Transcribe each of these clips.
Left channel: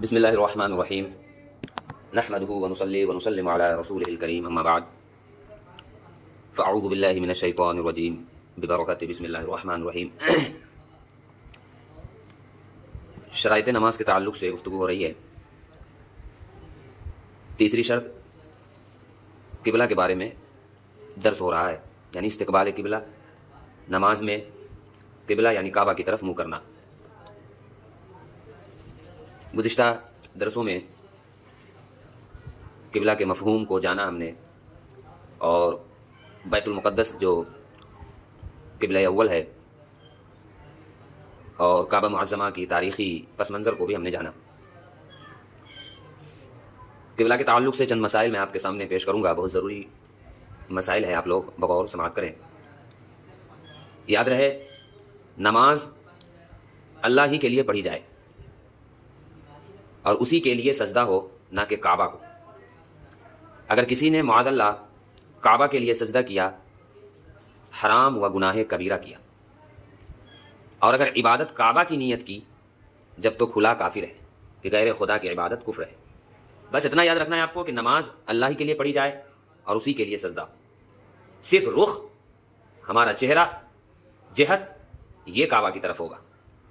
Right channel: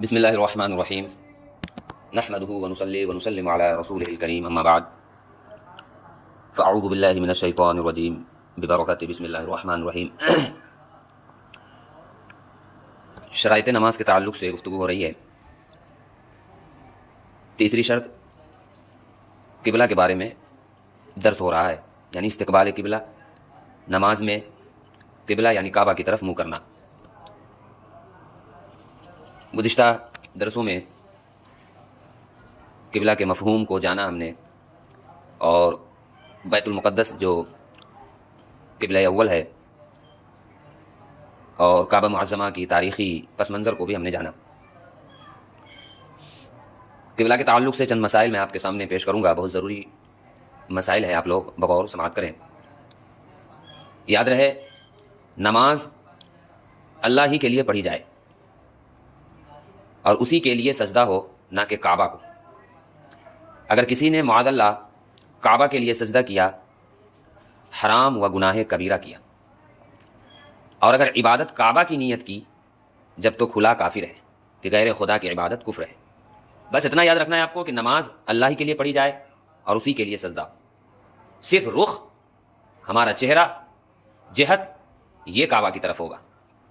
بسم اللہ الرحمن الرحیم نحمده ونصلی ونسلم علی رسولہ الکریم اما بعد فاعوذ باللہ من الشیطان الرجیم ببرکۃ بسم اللہ الرحمن الرحیم۔ شرائط نماز کے تعلق سے گفتگو ہو رہی ہے۔ تیسری شرط قبلہ کے بارے میں درس ہو رہا ہے، یعنی استقبال قبلہ، نماز میں قبلہ یعنی کعبہ کی طرف منہ کرنا۔ گزشتہ درسوں میں قبلہ کے مفہوم کو جانا ہم نے، اور بیت المقدس جو قبلہ اول ہے اور کعبہ معظمہ کی تاریخی پس منظر کو بھی ہم نے جانا۔ قبلہ کے تعلق سے چند مسائل میں آپ کے سامنے پیش کروں گا، بہت ضروری مسائل ہیں، آپ لوگ بغور سماعت کریں۔ یاد رہے، نماز اللہ ہی کے لیے پڑھی جائے اور اسی کے لیے سجدہ ہو، نہ کہ کعبہ کو۔ اگر کسی نے معاذ اللہ کعبہ کے لیے سجدہ کیا، حرام و گناہ کبیرہ کیا، اور اگر عبادت کعبہ کی نیت کی، جب تو کھلا کافر ہے کہ غیر خدا کی عبادت کفر ہے۔ بس اتنا یاد رکھنا ہے آپ کو کہ نماز اللہ ہی کے لیے پڑھی جائے اور اسی کے لیے سجدہ، صرف رخ، ہمارا چہرہ، جہت یہ کعبہ کی طرف ہوگا،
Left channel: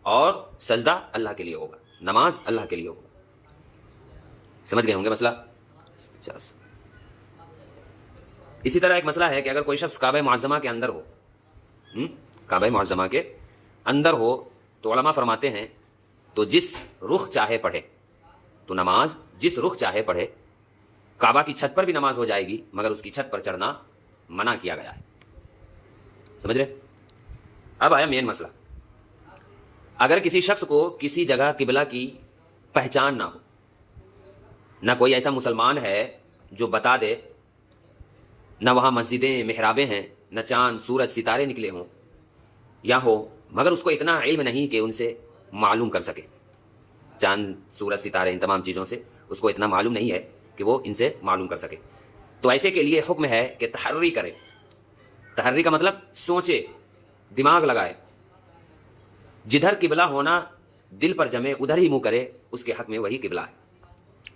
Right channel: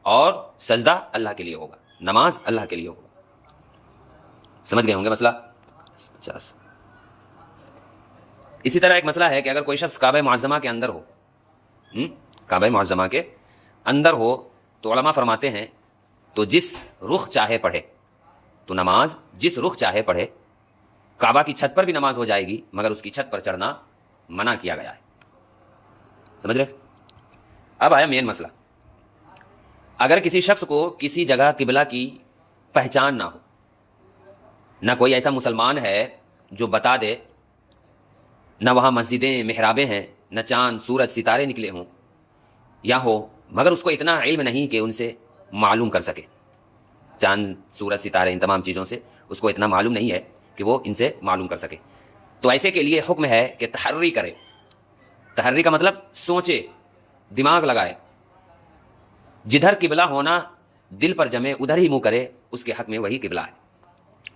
اور سجدہ اللہ کے لیے ہوگا، نماز اللہ کے لیے ہوگا۔ سمجھ گئے ہوں گے مسئلہ؟ 50۔ اسی طرح ایک مسئلہ ہے کہ اگر کوئی شخص کعبہ معظمہ کے اندر ہو، کعبہ معظمہ کے اندر ہو، تو علماء فرماتے ہیں تو جس رخ چاہے پڑھے، تو نماز جس رخ چاہے پڑھے، کعبہ کی چھت پر بھی نماز ہو جائے گی، مگر اس کی چھت پر چڑھنا منع کیا گیا ہے۔ سمجھ رہے؟ اب آیا مین مسئلہ۔ اگر کسی شخص کو کسی جگہ قبلہ کی پہچان نہ ہو، نہ کوئی ایسا مسلمان ہے جو بتا دے، نہ وہاں مسجدیں محرابیں ہیں، نہ چاند سورج ستارے نکلے ہوں یا ہو، مگر اس کو اتنا علم نہیں کہ ان سے معلوم کر سکے، چاند سورج ستارے ان تمام چیزوں سے اس کو اتنا معلوم نہیں ہے کہ وہ ان سے معلوم کر سکے، تو ایسے کے لیے حکم ہے کہ تحری کرے۔ تحری کا مطلب سوچے، دماغ لگائے، جدھر قبلہ ہونا دل پر جمے ادھر ہی منہ کرے، اس کے حق میں وہی قبلہ ہے۔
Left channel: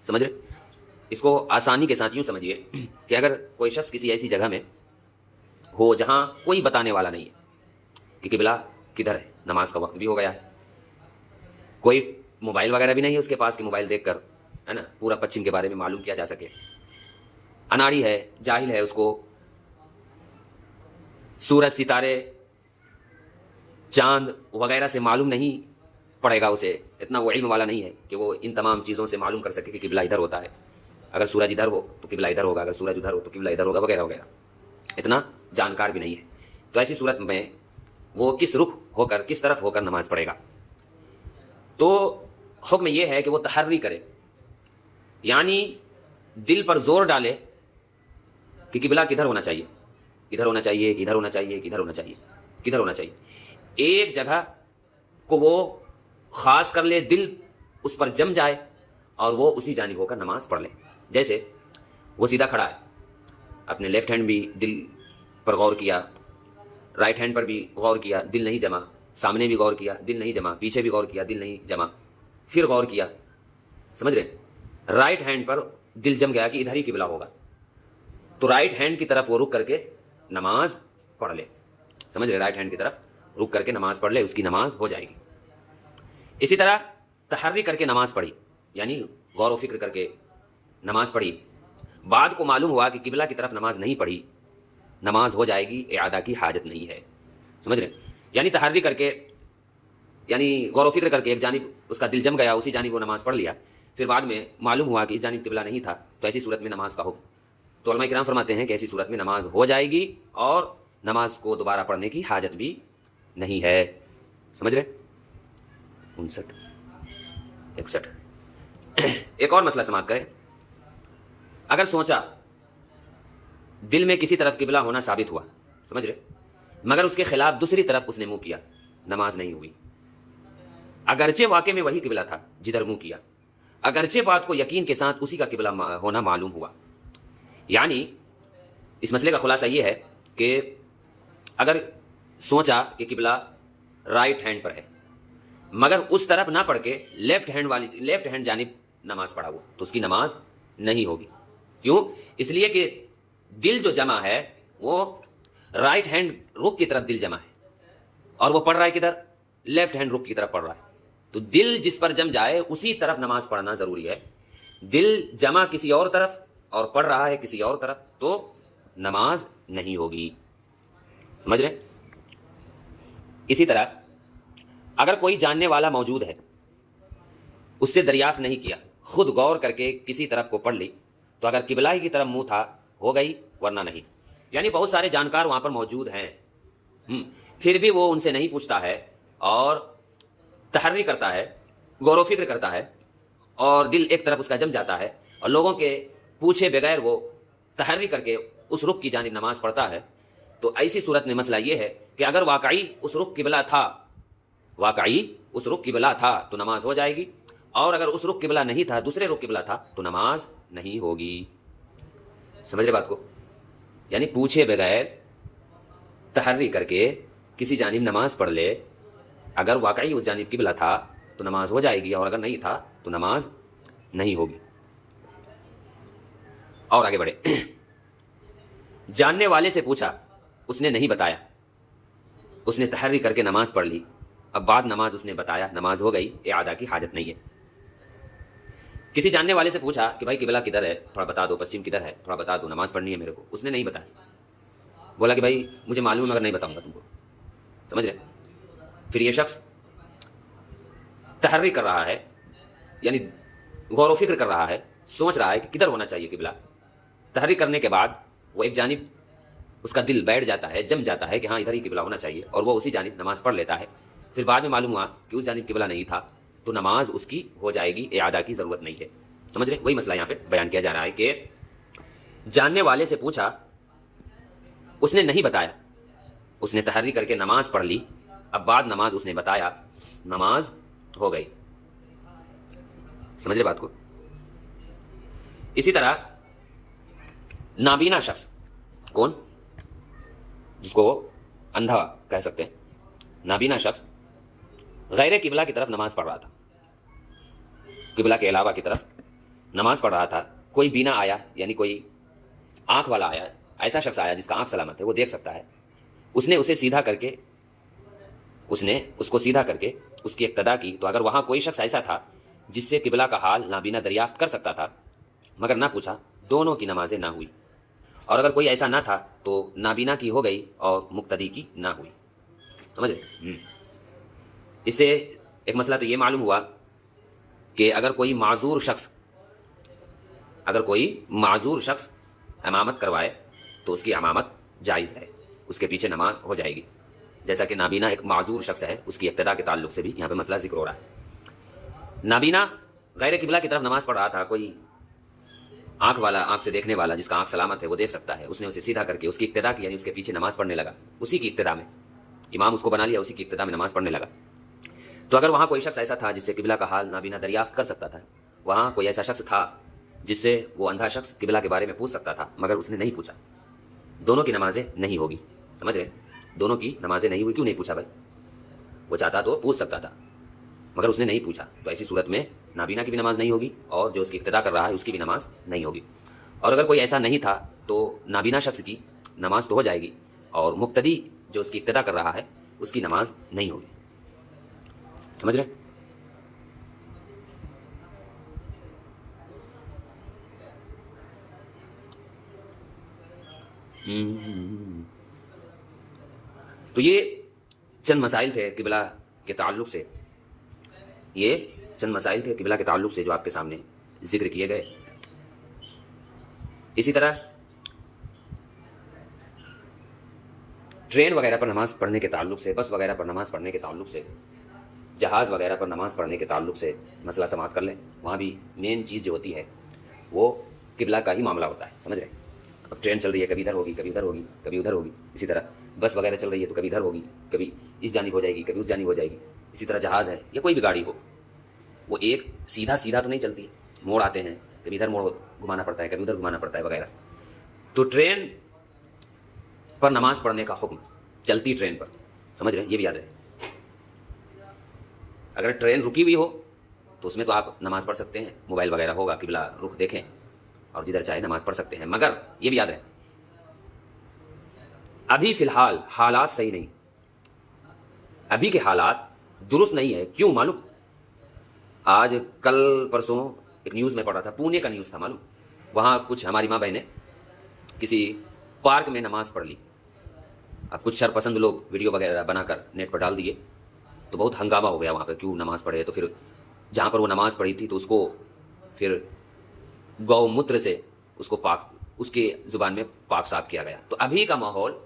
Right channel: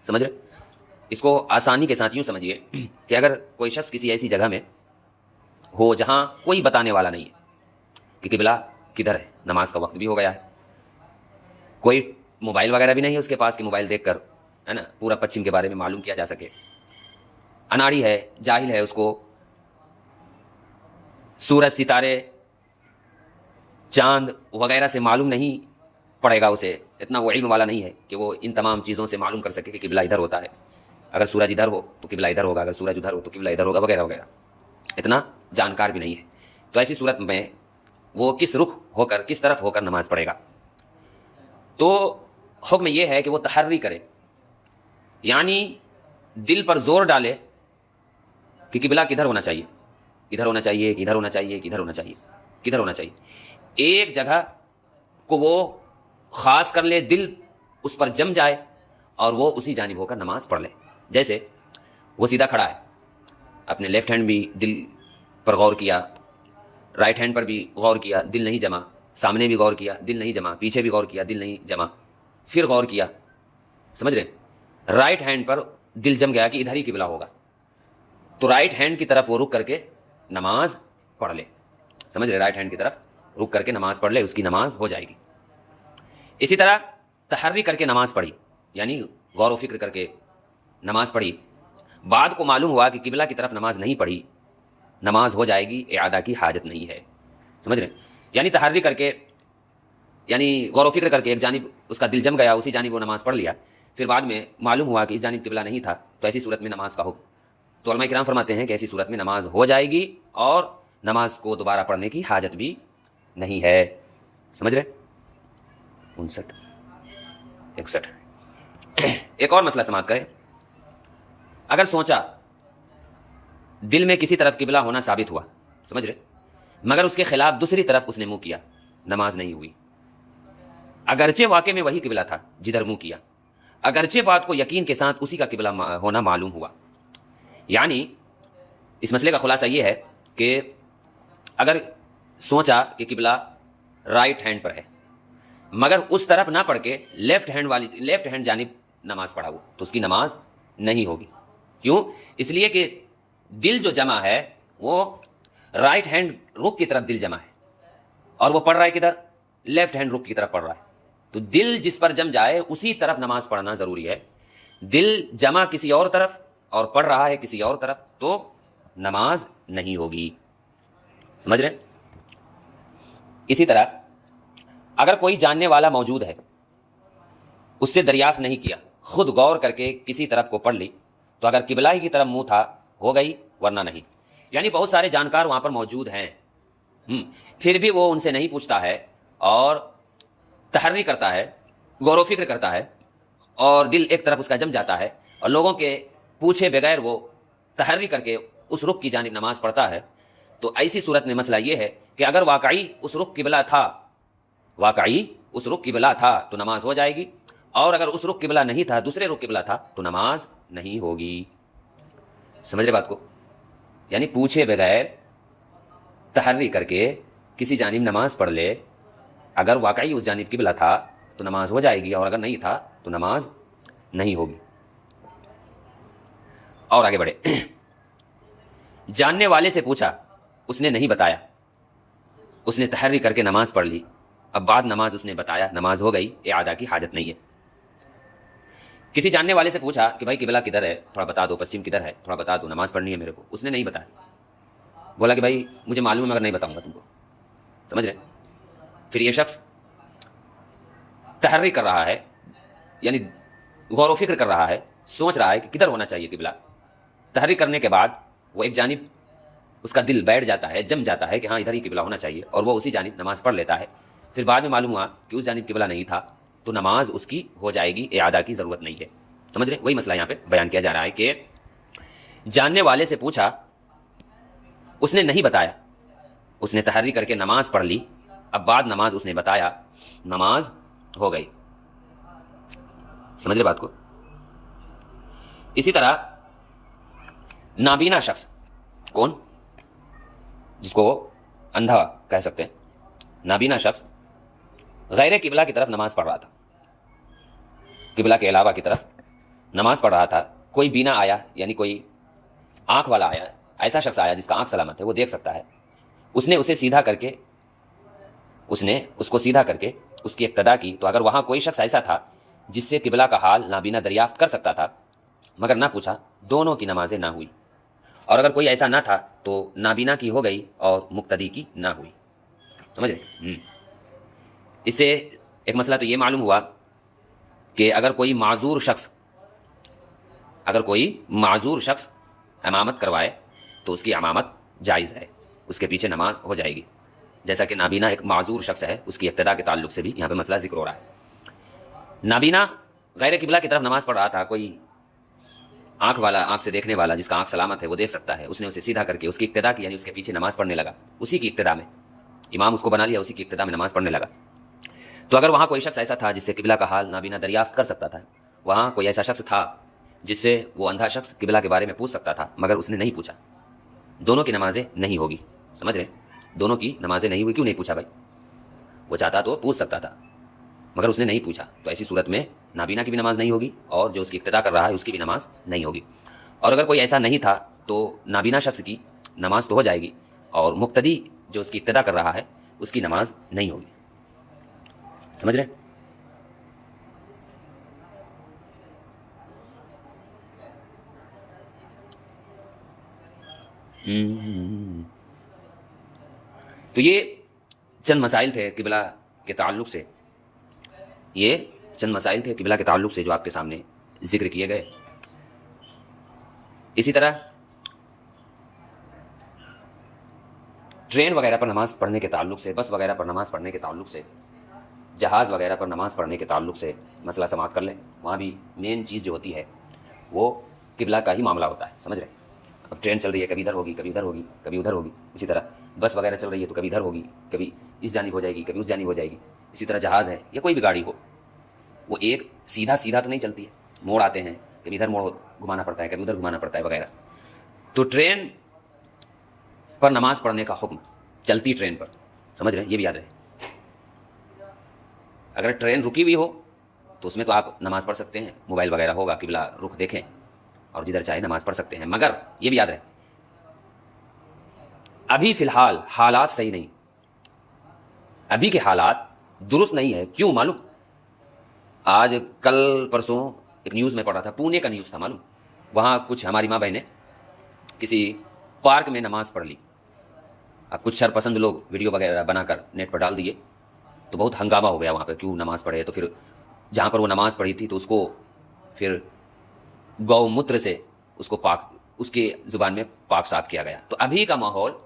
سمجھ رہے؟ اس کو آسانی کے ساتھ یوں سمجھیے کہ اگر کوئی شخص کسی ایسی جگہ میں ہو جہاں کوئی بتانے والا نہیں ہے کہ قبلہ کدھر ہے، نماز کا وقت بھی ہو گیا ہے، کوئی موبائل وغیرہ بھی نہیں ہے اس کے پاس کہ موبائل دیکھ کر ہے نا پورا پچھم کے بارے میں معلوم کیا جا سکے، اناڑی ہے، جاہل ہے، اس کو سورج ستارے چاند وغیرہ سے معلوم نہیں پڑے گا، اسے اتنا وہ علم والا نہیں ہے کہ وہ ان تمام چیزوں سے معلوم کر سکے کہ قبلہ ادھر ہوتا ہے، اگر سورج ادھر ہو تو قبلہ ادھر ہوگا، اگر سورج ادھر ہو تو قبلہ ادھر ہوگا، وغیرہ وغیرہ، اتنا جانکار بھی نہیں ہے۔ تو ایسی صورت میں وہ کس رخ ہو کر، کس طرف ہو کر نماز پڑھے گا؟ تو حکم یہ ہے کہ وہ تحری کرے، یعنی دل پر زور ڈالے کہ قبلہ کدھر ہونا چاہیے، ادھر ہونا چاہیے، کدھر ہونا چاہیے، کدھر ہونا چاہیے، کدھر ہونا چاہیے، ایک جگہ کو وہ خاص کر لے، دل اس پر جم جائے اور وہ اسی جانب ہو کر نماز پڑھ لے۔ جیسے وہ سیدھا کھڑا ہے، اپنے لیفٹ ہینڈ بھی دل پر غور کیا، رائٹ ہینڈ پر بھی غور کیا، دل نہیں جما، سامنے بھی غور کیا، دل نہیں جما، پیچھے بھی غور کیا، دل نہیں جما، پھر غور کیا، سمجھ رہے؟ رائٹ ہینڈ پر دل جم گیا کہ ادھر ہی قبلہ ہوگا، تو رائٹ ہینڈ کی طرف وہ رک کر کے نماز پڑھ لے، سمجھ رہے؟ رائٹ ہینڈ کی طرف رک کر کے نماز پڑھ لے، اس کی نماز ہو جائے گی۔ اسی طرح تحری کر کے نماز پڑھی، یعنی غور و فکر کر کے نماز پڑھی، بعد کو معلوم ہوا کہ قبلہ کی طرف نماز نہیں پڑھی، نماز ہو جائے گی، اعادہ کی حاجت نہیں ہے۔ سمجھ رہے؟ یعنی تحری کر کے، یعنی غور و فکر کر کے ایک جانب اس کا دل جم گیا، اسی جانب وہ نماز پڑھ لیا، پھر بعد میں معلوم ہوا کہ اس جانب قبلہ نہیں تھا، تو ایسی صورت میں نماز کا حکم، تو علماء کرام فرماتے ہیں کہ ایسی صورت میں نماز ہو جائے گی اور نماز کو دوبارہ پڑھنے کی حاجت بھی نہیں ہے۔ سمجھ رہے؟ 59 61۔ ایک اور مسئلہ سماعت کریں۔ اگر سوچا، دل میں کسی طرف قبلہ ہونا ثابت ہوا، سمجھ رہے، مگر اس کے خلاف دوسری طرف اس نے منہ کیا، نماز نہیں ہوئی، اگرچہ واقع میں وہی قبلہ تھا جدھر منہ کیا، اگرچہ بات کو یقین کے ساتھ اسی کا قبلہ ہونا معلوم ہوا۔ یعنی اس مسئلے کا خلاصہ یہ ہے کہ اگر سوچا کہ قبلہ رائٹ ہینڈ پر ہے، मगर उस तरफ ना पढ़ के लेफ्ट हैंड जानिब नमाज पढ़ा वो, तो उसकी नमाज नहीं होगी। क्यों? इसलिए कि दिल जो जमा है वो राइट हैंड रुख की तरफ दिल जमा है, और वो पढ़ रहा है किधर? लेफ्ट हैंड रुख की तरफ पढ़ रहा है। तो दिल जिस पर जम जाए उसी तरफ नमाज पढ़ना जरूरी है। दिल जमा किसी और तरफ और पढ़ रहा है किसी और तरफ, तो नमाज नहीं होगी। समझ रहे? इसी तरह अगर कोई जानने वाला मौजूद है, उससे दरियाफ्त नहीं किया, खुद गौर करके किसी तरफ को पढ़ ली, तो अगर किबला की तरफ मुंह था हो गई, वरना नहीं। यानी बहुत सारे जानकार वहां पर मौजूद हैं, फिर भी वो उनसे नहीं पूछता है और तहर्री करता है, गौर फिक्र करता है, और दिल एक तरफ उसका जम जाता है, और लोगों के पूछे बगैर वो तहर्री करके उस रुख की जानिब नमाज पढ़ता है। तो ऐसी सूरत में मसला ये है कि अगर वाकई उस रुख किबला था तो नमाज हो जाएगी, और अगर उस रुख किबला नहीं था, दूसरे रुख किबला था, तो नमाज नहीं होगी। समझ रहे बात को? यानी पूछे बगैर तहर्री करके किसी जानिब नमाज पढ़ ले, अगर वाकई उस जानिब किबला था तो नमाज हो जाएगी, और अगर नहीं था तो नमाज नहीं होगी। और आगे बढ़े। जानने वाले से पूछा, उसने नहीं बताया, उसने तहर्री करके नमाज पढ़ ली, अब बाद नमाज उसने बताया, नमाज हो गई, इआदा की हाजत नहीं है। किसी जानने वाले से पूछा कि भाई किबला किधर है, थोड़ा बता दो, पश्चिम किधर है, थोड़ा बता दो, नमाज पढ़नी है मेरे को, उसने नहीं बताया, बोला कि भाई मुझे मालूम है मगर नहीं बताऊंगा तुमको। समझ रहे? फिर ये शख्स तहर्री कर रहा है, यानी गौर फिक्र कर रहा है, सोच रहा है कि किधर होना चाहिए किबला। तहर्री करने के बाद वो एक जानिब उसका दिल बैठ जाता है, जम जाता है कि हाँ इधर ही किबला होना चाहिए, और वो उसी जानिब नमाज पढ़ लेता है। फिर बाद में मालूम हुआ कि उस जानिब किबला नहीं था, तो नमाज उसकी हो जाएगी, इआदा की ज़रूरत नहीं है। समझ रहे? वही मसला यहाँ पे बयान किया जा रहा है कि जानने वाले से पूछा, उसने नहीं बताया, उसने तहर्री करके नमाज पढ़ ली, अब बाद नमाज उसने बताया, नमाज हो गई। समझ रहे बात को? इसी तरह नाबीना शख्स, कौन? जिसको अंधा कह सकते हैं, नाबीना शख्स गैर किबला की तरफ नमाज पढ़ रहा था, किबला के अलावा की तरफ नमाज पढ़ रहा था। कोई बीना आया, यानी कोई आंख वाला आया, ऐसा शख्स आया जिसका आंख सलामत है, वो देख सकता है, उसने उसको सीधा करके उसकी इक्तदा की। तो अगर वहां कोई शख्स ऐसा था जिससे किबला का हाल नाबीना दरियाफ्त कर सकता था मगर ना पूछा, दोनों की नमाजें ना हुई। और अगर कोई ऐसा ना था तो नाबीना की हो गई और मुक्तदी की ना हुई। समझ रहे? इससे एक मसला तो ये मालूम हुआ कि अगर कोई माजूर शख्स इमामत करवाए तो उसकी इमामत जायज़ है, उसके पीछे नमाज हो जाएगी। जैसा कि नाबीना एक माजूर शख्स है, उसकी इक्तदा के ताल्लुक से भी यहाँ पे मसला जिक्र हो रहा है। नाबीना गैर किबला की तरफ नमाज पढ़ रहा था, कोई आंख से देखने वाला जिसका आंख सलामत है वो देख सकता है, उसने उसे सीधा करके उसकी इक्तदा की, यानी उसके पीछे नमाज पढ़ने लगा, उसी की इक्तदा में इमाम उसको बना लिया, उसी की इक्तदा में नमाज पढ़ने लगा। तो अगर वहाँ कोई शख्स ऐसा था जिससे किबला का हाल नाबीना दरियाफ्त कर सकता था, वहाँ कोई ऐसा शख्स था जिससे वो अंधा शख्स किबला के बारे में पूछ सकता था मगर उसने नहीं पूछा, दोनों की नमाजें नहीं होगी। समझ रहे? दोनों की नमाजें नहीं हुई। क्यों नहीं पूछा भाई? वो चाहता तो पूछ सकता था मगर उसने नहीं पूछा, तो ऐसी सूरत में नाबीना की भी नमाज नहीं होगी और जो उसकी इक्तदा कर रहा है उसकी भी नमाज नहीं होगी। और अगर कोई ऐसा नहीं था तो नाबीना शख्स की नमाज तो हो जाएगी और मुक्तदी जो उसकी इक्तदा कर रहा है उसकी नमाज नहीं होगी। समझ रहे? तो ये चंद मसाइल थे किबला के ताल्लुक से, जो आपके सामने जिक्र किए गए। इसी तरह ट्रेन वगैरह पर नमाज पढ़ने के ताल्लुक से, बस वगैरह पर नमाज पढ़ने के ताल्लुक से, जहाज़ वगैरह पर नमाज पढ़ने के ताल्लुक से मसला समात कर लें। वहाँ भी मेन चीज़ जो होती है वो किबला का ही मामला होता है। समझ रहे? अब ट्रेन चल रही है, कभी इधर होगी, कभी उधर होगी, कभी उधर होगी। इसी तरह बस वगैरह चल रही है तो कभी इधर होगी, कभी इस जानिब हो जाएगी, कभी उस जानिब हो जाएगी। इसी तरह जहाज़ है या कोई भी गाड़ी हो, वो एक सीधा तो नहीं चलती है, मोड़ आते हैं, कभी इधर मोड़ घुमाना पड़ता है, कभी उधर घुमाना पड़ता है वगैरह। तो ट्रेन पर नमाज पढ़ने का हुक्म, चलती ट्रेन पर, समझ रहे हैं? ये भी याद रहे। अगर ट्रेन रुकी हुई हो तो उसमें तो आप नमाज़ पढ़ सकते हैं, मोबाइल वगैरह होगा, किबला रुख देखें और जिधर चाहे नमाज़ पढ़ सकते हैं। मगर ये भी याद रहे, अभी फ़िलहाल हालात सही नहीं, अभी के हालात दुरुस्त नहीं है। क्यों मालूम? आज कल परसों एक न्यूज़ में पढ़ा था, पुणे का न्यूज़ था मालूम। वहाँ कुछ हमारी माँ बहनें किसी पार्क में नमाज़ पढ़ ली। अब कुछ शरपसंद लोग वीडियो वगैरह बनाकर नेट पर डाल दिए, तो बहुत हंगामा हो गया वहाँ पर, क्यों नमाज़ पढ़े। तो फिर जहाँ पर वो नमाज़ पढ़ी थी तो उसको फिर गौमूत्र से उसको पाक, उसके ज़ुबान में पाक साफ किया गया। तो अभी का माहौल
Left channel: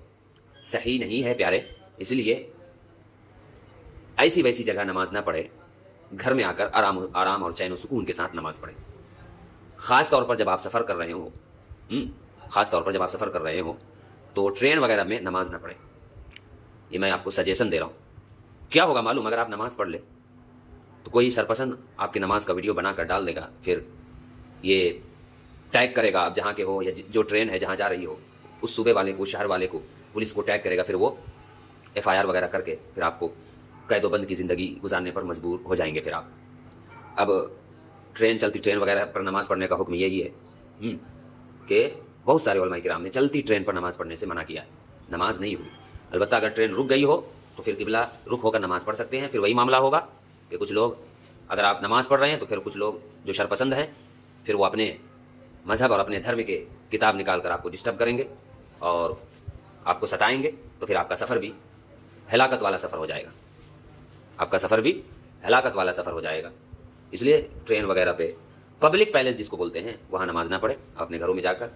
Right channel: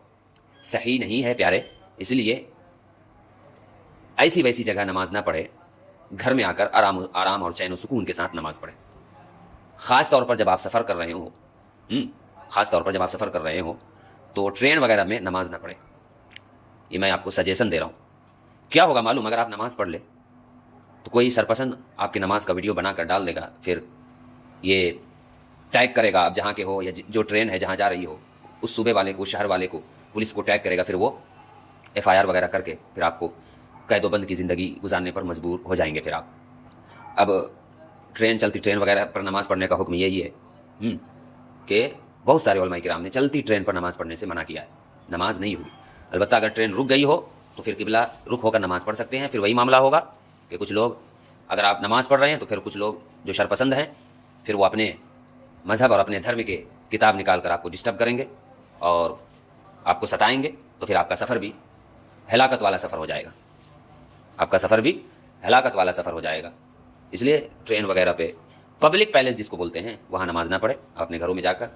सही नहीं है प्यारे, इसलिए ऐसी वैसी जगह नमाज ना पढ़े, घर में आकर आराम और चैन और सुकून के साथ नमाज पढ़े। ख़ास तौर पर जब आप सफ़र कर रहे हो, ख़ास तौर पर जब आप सफ़र कर रहे हो तो ट्रेन वगैरह में नमाज ना पढ़े। ये मैं आपको सजेशन दे रहा हूँ। क्या होगा मालूम? अगर आप नमाज़ पढ़ ले तो कोई सरपसंद आपकी नमाज का वीडियो बनाकर डाल देगा, फिर ये टैग करेगा आप जहाँ के हो, या जो ट्रेन है जहाँ जा रही हो उस सूबे वाले को, शहर वाले को, पुलिस को टैग करेगा। फिर वो FIR वगैरह करके फिर आपको कैदोबंद की ज़िंदगी गुजारने पर मजबूर हो जाएंगे फिर आप। अब ट्रेन, चलती ट्रेन वगैरह पर नमाज़ पढ़ने का हुक्म यही है कि बहुत सारे उलमाए किराम ने चलती ट्रेन पर नमाज़ पढ़ने से मना किया है, नमाज नहीं हुई। अलबत्ता अगर ट्रेन रुक गई हो तो फिर किबला रुख होकर नमाज़ पढ़ सकते हैं। फिर वही मामला होगा कि कुछ लोग, अगर आप नमाज़ पढ़ रहे हैं तो फिर कुछ लोग जो शरपसंद हैं फिर वो अपने मज़हब और अपने धर्म के किताब निकाल कर आपको डिस्टर्ब करेंगे और आपको सताएंगे। तो फिर आपका सफ़र भी हलाकत वाला सफ़र हो जाएगा, आपका सफ़र भी हलाकत वाला सफ़र हो जाएगा। इसलिए ट्रेन वगैरह पे, पब्लिक पैलेस जिसको बोलते हैं, वहाँ नमाज ना पढ़े, अपने घरों में जाकर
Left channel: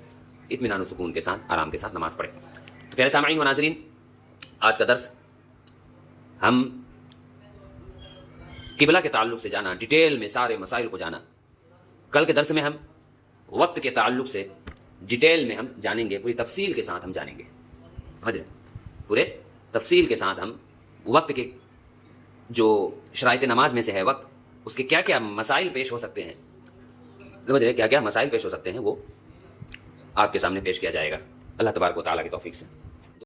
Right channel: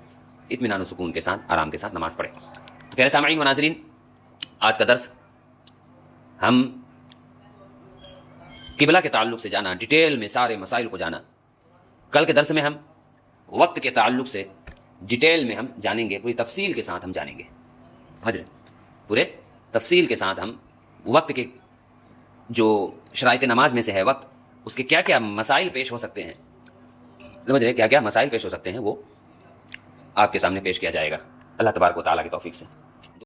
इत्मीनान और सुकून के साथ, आराम के साथ नमाज़ पढ़े। तो प्यारे सामईन व नाज़रीन, आज का दर्स हम किबला के ताल्लुक़ से जाना, डिटेल में सारे मसाइल को जाना। कल के दर्स में हम वक्त के ताल्लुक़ से डिटेल में हम जानेंगे, पूरी तफसील के साथ हम जानेंगे, समझ रहे? पूरे तफसील के साथ हम वक्त के जो शराइत नमाज में से है वक्त, उसके क्या क्या मसाइल पेश हो सकते हैं, समझ रहे? क्या क्या मसाइल पेश हो सकते हैं वो आपके सामने पेश किया जाएगा, अल्लाह तबारक व तआला की तौफीक से।